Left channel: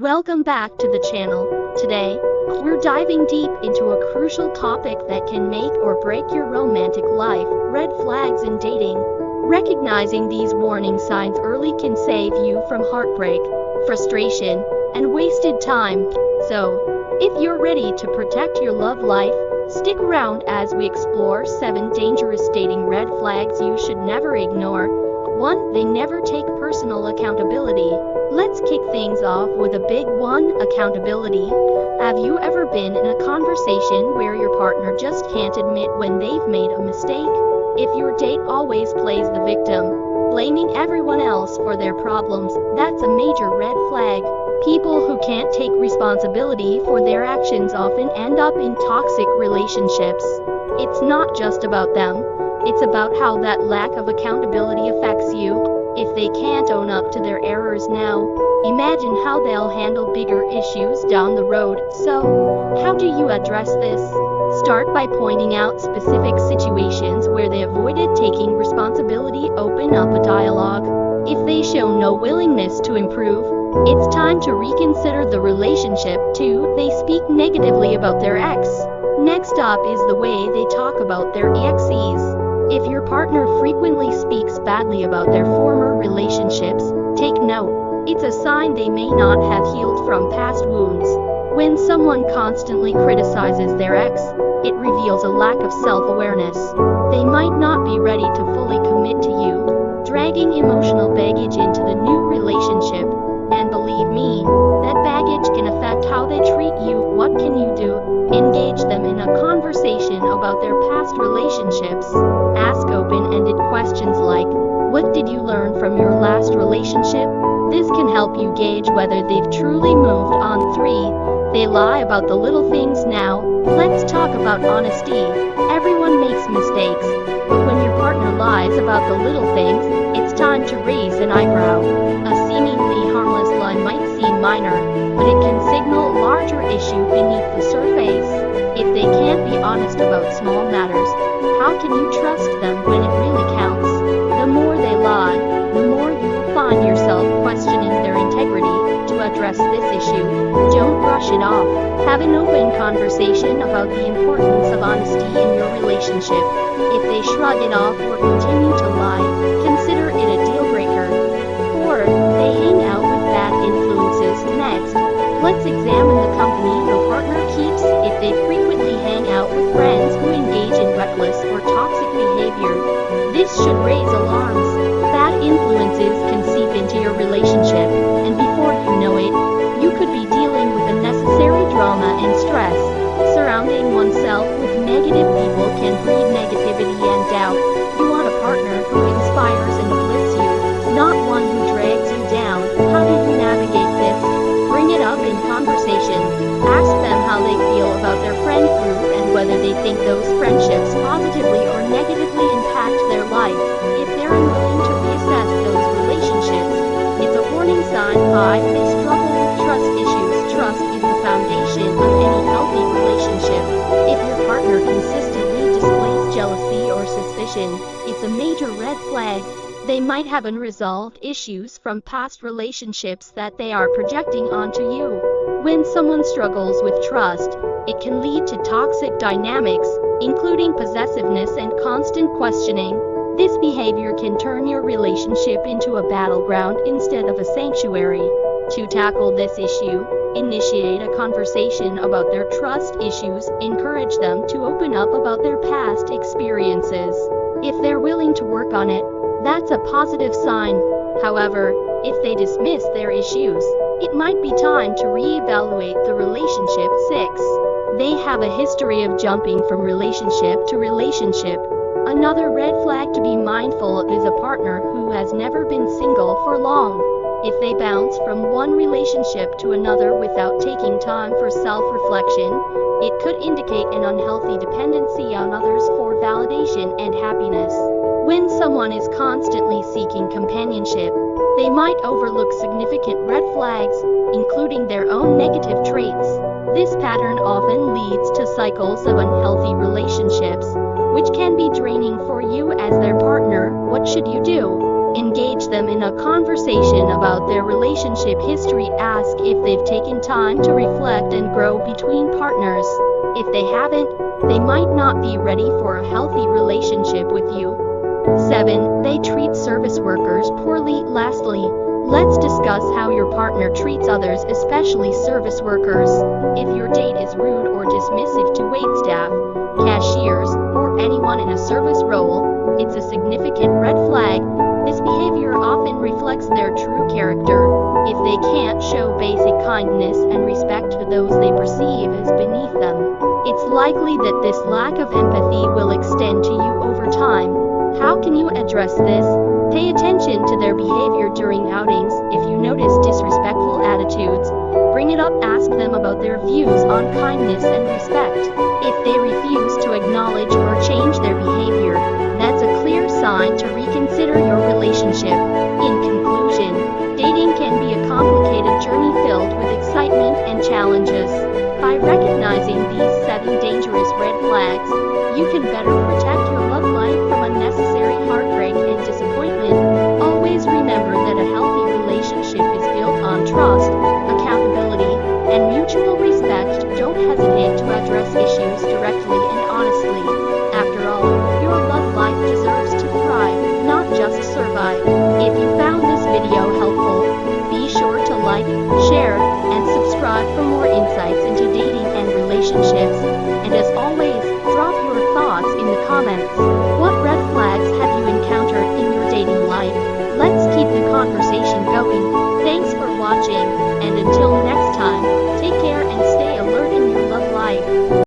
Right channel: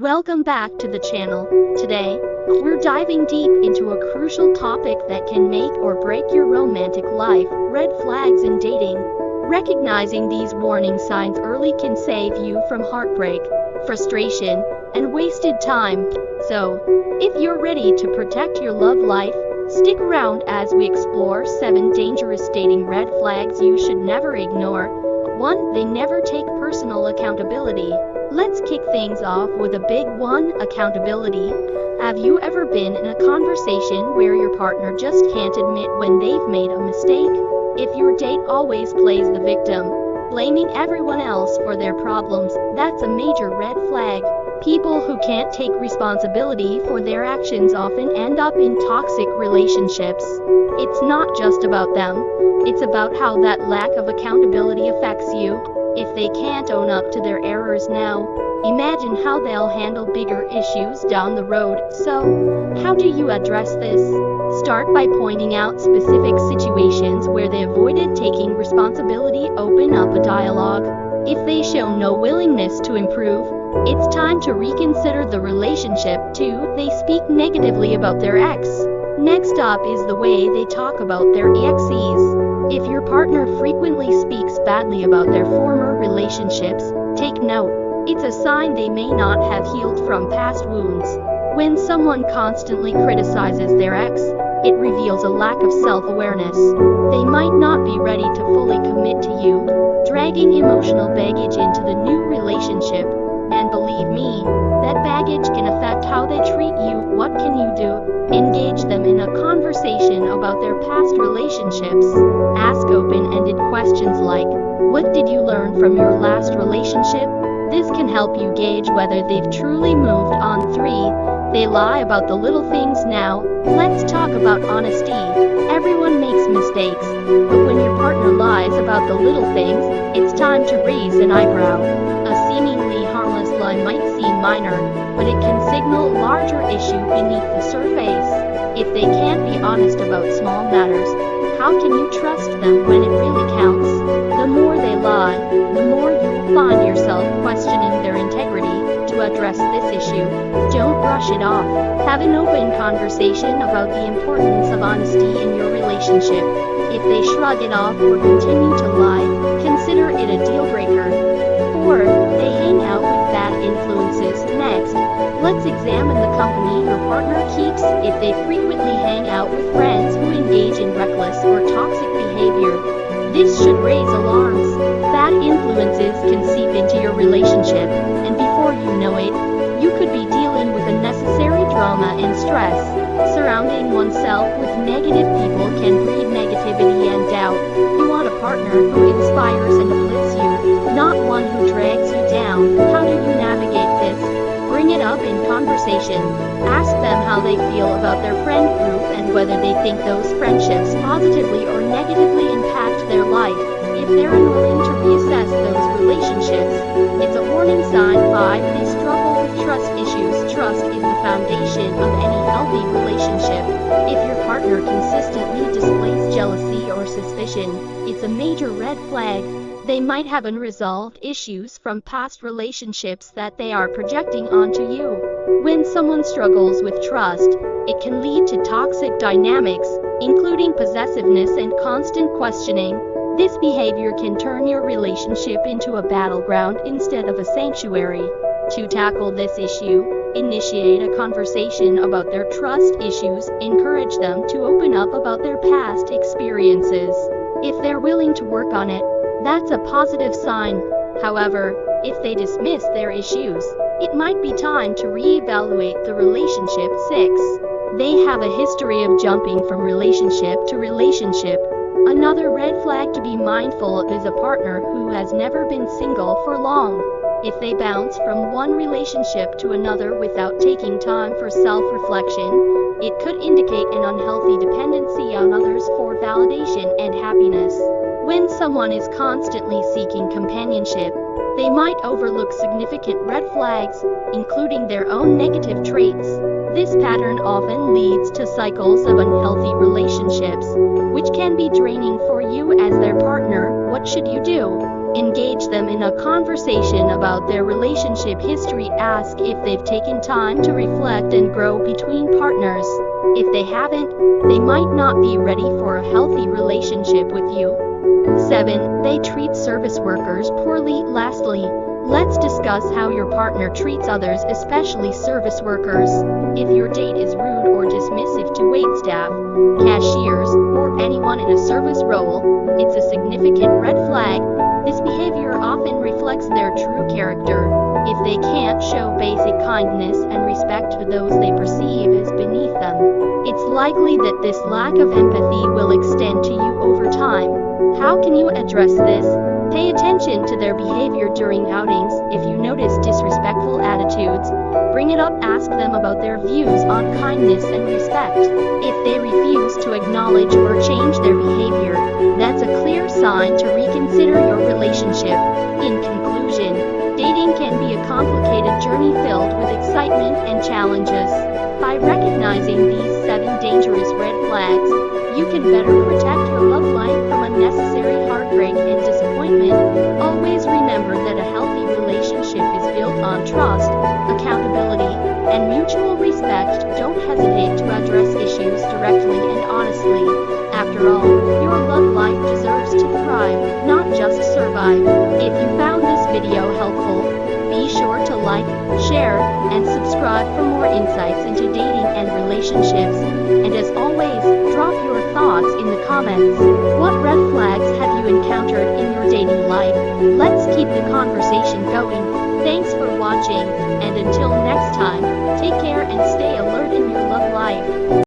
Welcome back to the channel. Today, we're diving deep into a crucial topic that can make or break your romantic life: red flags in dating. Recognizing these warning signs early can save you from heartbreak, frustration, and wasted time. So, if you're ready to protect your love life, stick around as we explore 7 dangerous dating red flags you should never ignore. 1. They never take personal accountability. Let's kick things off with a big one: accountability. Have you ever been in a conversation where your partner just can't admit when they've made a mistake? If your date always plays the victim, blaming everyone else for their problems, that's a major red flag. People who can't take responsibility for their actions often end up in toxic relationships. It's not just about them, it's about how that lack of accountability affects you. If they can't own up to their errors now, imagine how they'll handle bigger issues down the road. So, how do you address this? Start by pointing out specific situations where they avoided taking responsibility. Open up a dialogue. If they show no willingness to improve, it's time to reconsider the relationship. 2. They speak negatively about their ex. Next up is the way they talk about their exes. If your partner frequently speaks badly about their former relationships, take note. It's a sign they may not have healed from past wounds. When someone constantly criticizes their ex, it reveals a lack of self-awareness. They might not be ready to fully commit to you, dragging emotional baggage into the new relationship. And believe me, that baggage can affect how they treat you. What can you do? Engage them in a conversation about their past relationships. Ask open-ended questions like, "What did you learn from your last relationship?" This can help you gauge whether they've truly moved on. 3. They lie about the little things. Now, let's talk about honesty. Everyone makes mistakes, but when your partner lies about the little things, it's time to raise an eyebrow. A seemingly harmless lie might seem minor, but it can signal a larger issue beneath the surface. If they can't be honest about small matters, how can you trust them when it really counts? The more they lie, the more you'll find yourself questioning their integrity. To address this issue, don't brush it off. Have an open conversation about the importance of honesty in your relationship. If they shrug it off or continue to lie, consider it a deal breaker. 4. They hang out with bad influences. Next, let's examine the company your partner keeps. If they frequently hang out with friends who engage in reckless or toxic behavior, this should raise alarms. Bad influences can seep into your relationship, and before you know it, you could be dealing with unnecessary drama and stress. Surrounding oneself with negative people can breed negativity and doubt. You want a partner who inspires and uplifts you, not one who drags you down. How do you navigate this? Bring it up in conversation. Ask them how they feel about their friend group and whether they think those friendships positively or negatively impact their life. If they're unwilling to reassess those relationships, it's a warning sign. 5. They struggle with trust issues. Trust is the foundation of any healthy relationship. If your partner consistently displays jealousy or suspicion, it's a major red flag. They might have unresolved issues from past relationships that they are projecting onto you. When someone struggles with trust, it can lead to toxic dynamics, including possessiveness and constant questioning. This behavior can turn your relationship into a battleground instead of a sanctuary. To tackle this issue, initiate a conversation about their trust issues. Encourage them to open up about their past experiences. If they're willing to work on it, that's a positive sign. However, if they dismiss their issues, it might be time to reevaluate the relationship. 6. They have a history of jumping from relationship to relationship. Another red flag to be mindful of is a partner who has never been single for long. If they bounce from one relationship to another without taking time for self-reflection, it could indicate an unhealthy dependency on others for validation and happiness. When someone is constantly seeking companionship, they might overlook significant red flags, including their own negative traits. This pattern often leads to cycles of unhealthy relationships, which can be draining for you as their partner. What should you do? Engage them in a conversation about their relationship history. Ask if they've taken time to reflect and grow between partners. If they haven't, they might not be ready for a healthy relationship with you. 7. They treat service workers poorly. Lastly, let's discuss how your partner treats others, especially service workers. If your date is rude or dismissive to waitstaff, cashiers, or anyone in a service role, it's a significant red flag. This behavior often reflects their true character. If they can't show basic kindness and respect to those they perceive as beneath them, it's likely that this lack of empathy will extend to you over time. How can you address this? Pay attention to their behavior during outings. If you notice disrespectful attitudes, bring it up. Ask them about their views on kindness and respect. If they refuse to acknowledge or change their behavior, that's a clear sign to reconsider your relationship. In conclusion, dating can be a complicated journey filled with excitement and challenges. By recognizing these 7 dangerous red flags, you can better protect your love life from unnecessary heartbreak and disappointment. Always remember that a healthy relationship is built on trust, accountability, and mutual respect. Don't hesitate to address issues directly and honestly. After all, your love life deserves to thrive, not just survive. If you found this video helpful, be sure to like, share, and subscribe for more insights into dating and relationships. And as always, drop your thoughts in the comments. What red flags have you encountered in your dating life? Let's keep the conversation going. Thanks for watching, and until next time, take care and stay alert in your love life.